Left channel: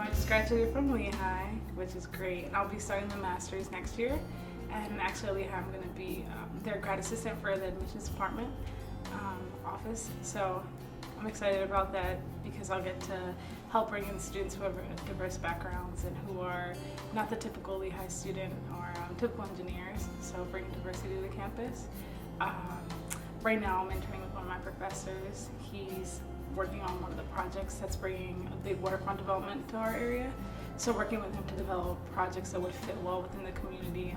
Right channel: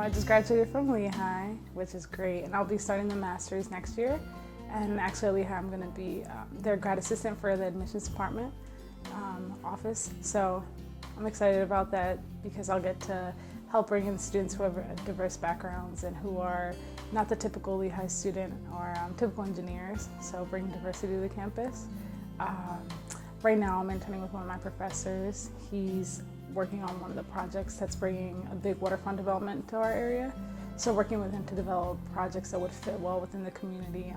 I just graduated from Lehigh, which is great, and I'll be starting the master's next year. And actually at Lehigh, I'm going to be their grad assistant for the admissions department office. So I'm excited about that because I'll get to help bring in students who have diverse backgrounds and who are not the typical Lehigh student or typical engineers, so bring diversity to the campus. Right now I'm interning with one of my professors. He's working on one of the projects that's bringing a big waterfront development to our area. So working with him to develop projects that would fit well within the community.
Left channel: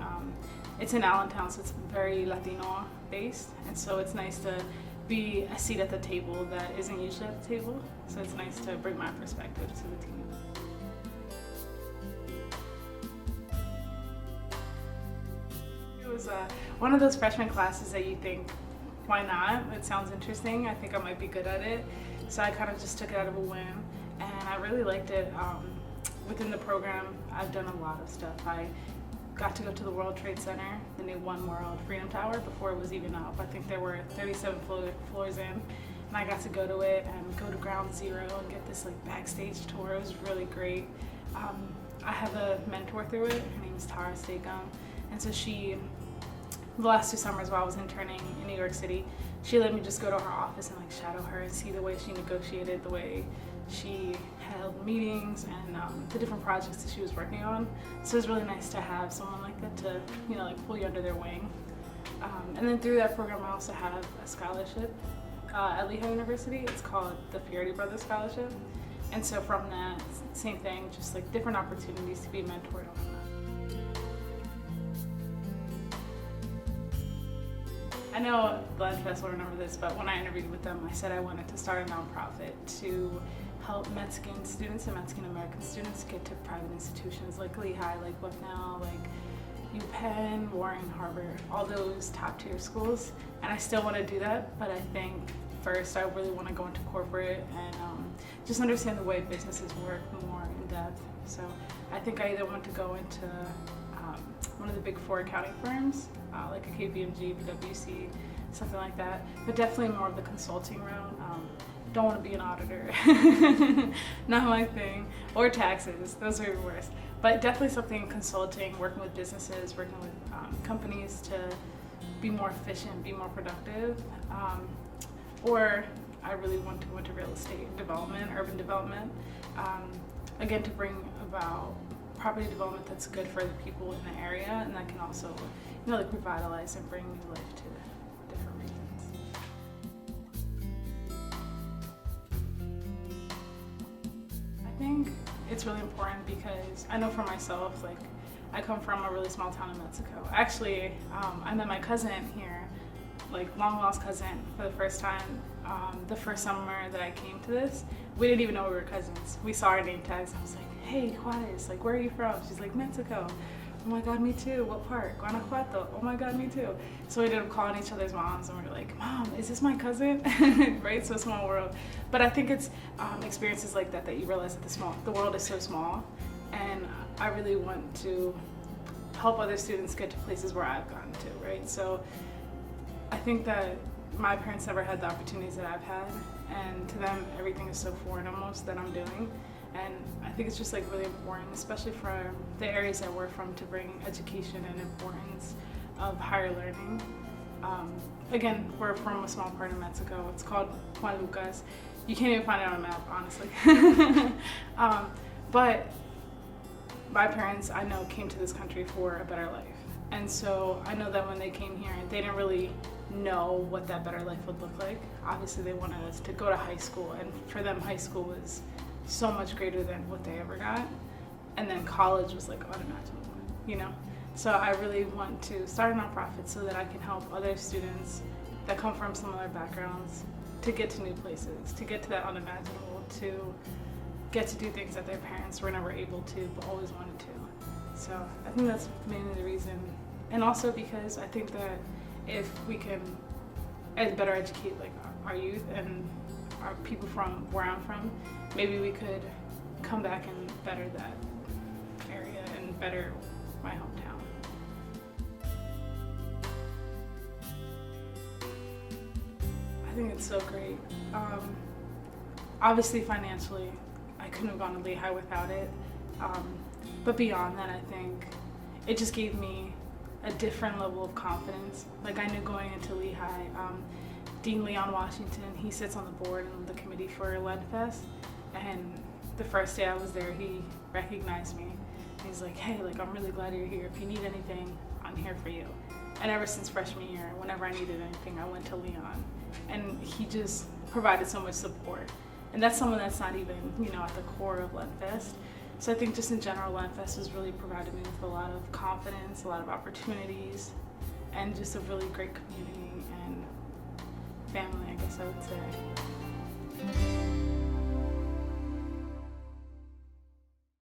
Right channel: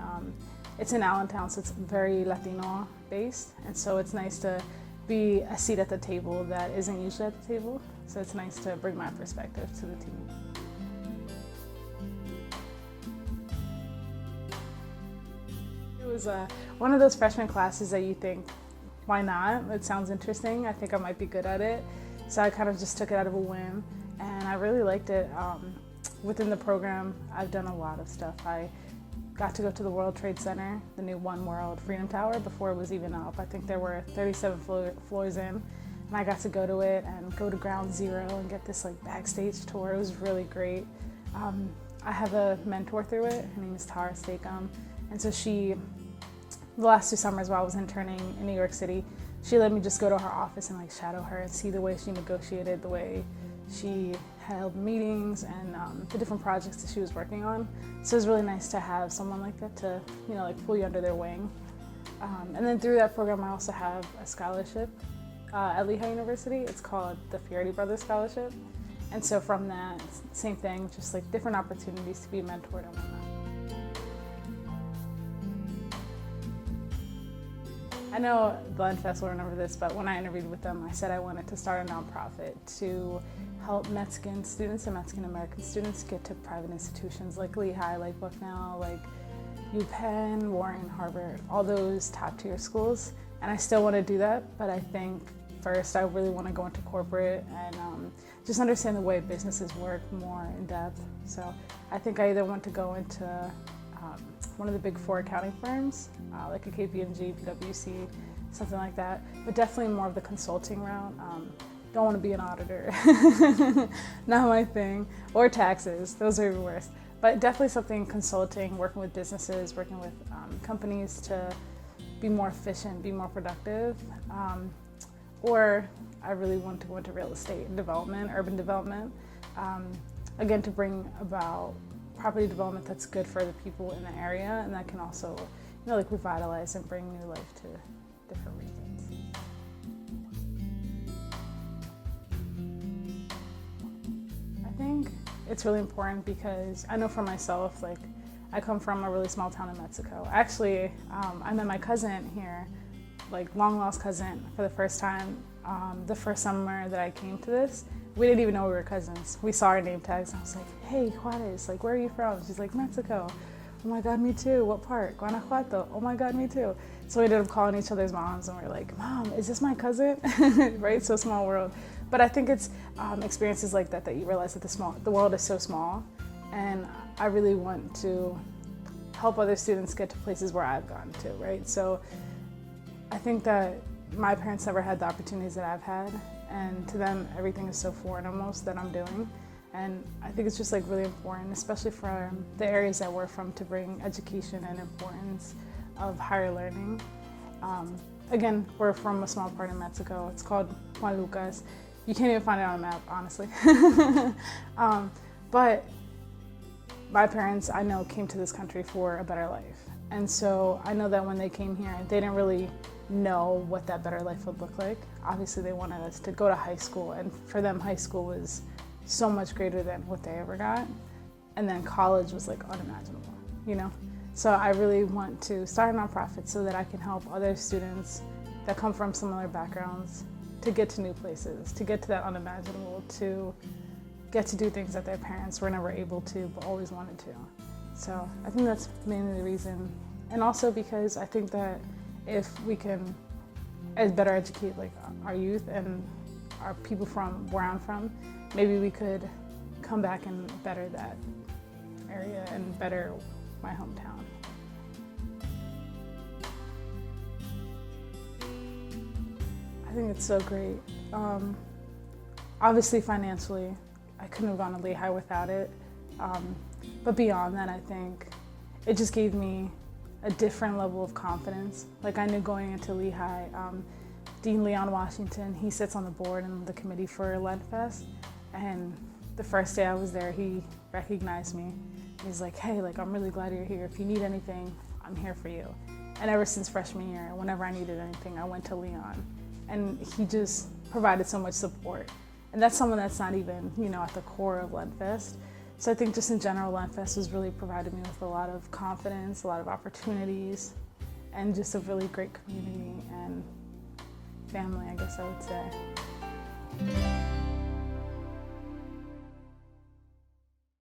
It's in Allentown, so it's very Latino based, and so it's nice to be a seat at the table that isn't usually at the table. So it's nice to bring my perspective to the team. It was one of those freshman classes that you think, why not? It sounds interesting. I think I might be good at it. So I kind of just took it out of a whim, and I really liked it. Within the program, I've done a lot of stuff. I got to go to the World Trade Center, the new One World Freedom Tower, before it was even up. I think there were 37 floors in, and I got to go to it and go to Ground Zero and get this like backstage tour. It was really great. I have a mentor through it. Her name is Tara Stakem, and so the last 2 summers while I was interning in New York City, she let me just go to her office and like shadow her and see the way she negotiated, the way she held meetings, and the different projects that she was working on. So it was really nice to have someone like that to, like pull you under their wing. And then through that program, I also have a scholarship at Lehigh University. It's called the Fiordi Brothers Scholarship. And so from that, same thing, just like different opportunities to be mentored on that. I know Lenfest will remember this, but when I interviewed with them, I said I wanted to start a nonprofit to help Mexican students and Mexican American students get to private institutions like Lehigh, like Bucknell, like UPenn, Warren, Harvard, all those top tier schools. And I still want to do that, but I think first I really want to go into corporate and just understand the way businesses work more in depth. So I think I either want to go into one of the big 4 accounting firms, like a KPMG, PwC, something like that, but definitely more of the consulting route. Don't want to be an auditor, not my thing, or taxes, those are even worse. But definitely something consulting, working with businesses, working with companies to be more efficient, be more productive. Or I really want to go into real estate development, urban development, again, to bring about property development that's good for the people in the area, and that can also, like revitalize and bring new life to different regions. I think it's really important because I know for myself, like I come from a really small town in Mexico. Actually, I met my cousin here, like long lost cousin, for the first time. The first summer that I came to this, we didn't even know we were cousins. We saw our name tags. I was like, hey, Juarez, like, where are you from? She's like, Mexico. Oh my God, me too. What part? Guanajuato. Oh my God, me too. So we ended up calling each other's moms, and we were like, Mom, is this my cousin? Right? So small world. But I think it's experiences like that that you realize that the world is so small, and I really want to help other students get to places where I've gotten to, right? So I think that my parents never had the opportunities that I've had, and to them everything is so foreign almost that I'm doing. And I think it's just like really important, especially from the areas that we're from, to bring education and importance of higher learning. Again, we're from a small part of Mexico. It's called Juan Lucas. You can't even find it on a map, honestly. But my parents, I know, came to this country for a better life. And so I know that when they came here, they didn't really know what that better life would look like. Obviously, they wanted us to go to high school, and for them, high school was so much greater than what they ever got. And then college was like unimaginable, So I really want to start a nonprofit so that I can help other students that come from similar backgrounds to get to new places, to get to that unimaginable, to get to do things that their parents were never able to but always wanted to. So I think that's mainly the reason. And also because I think that if we can better educate like our youth and our people from where I'm from, maybe we could come back and better that area and better my hometown. I think it's so great. Obviously financially, I couldn't have gone to Lehigh without it. But beyond that, I think it just gave me a different level of confidence. Like I knew going into Lehigh, Dean Leon Washington, he sits on the board and the committee for Lenfest, and the first day I was there, he recognized me. He's like, hey, like I'm really glad you're here. If you need anything, I'm here for you. And ever since freshman year, whenever I needed anything, I went to Leon. And he just provided so much support. And that's someone that's not even, at the core of Lenfest. So I think just in general, Lenfest has really provided me with a lot of confidence, a lot of opportunities, and just a really great community and family, I guess I would say.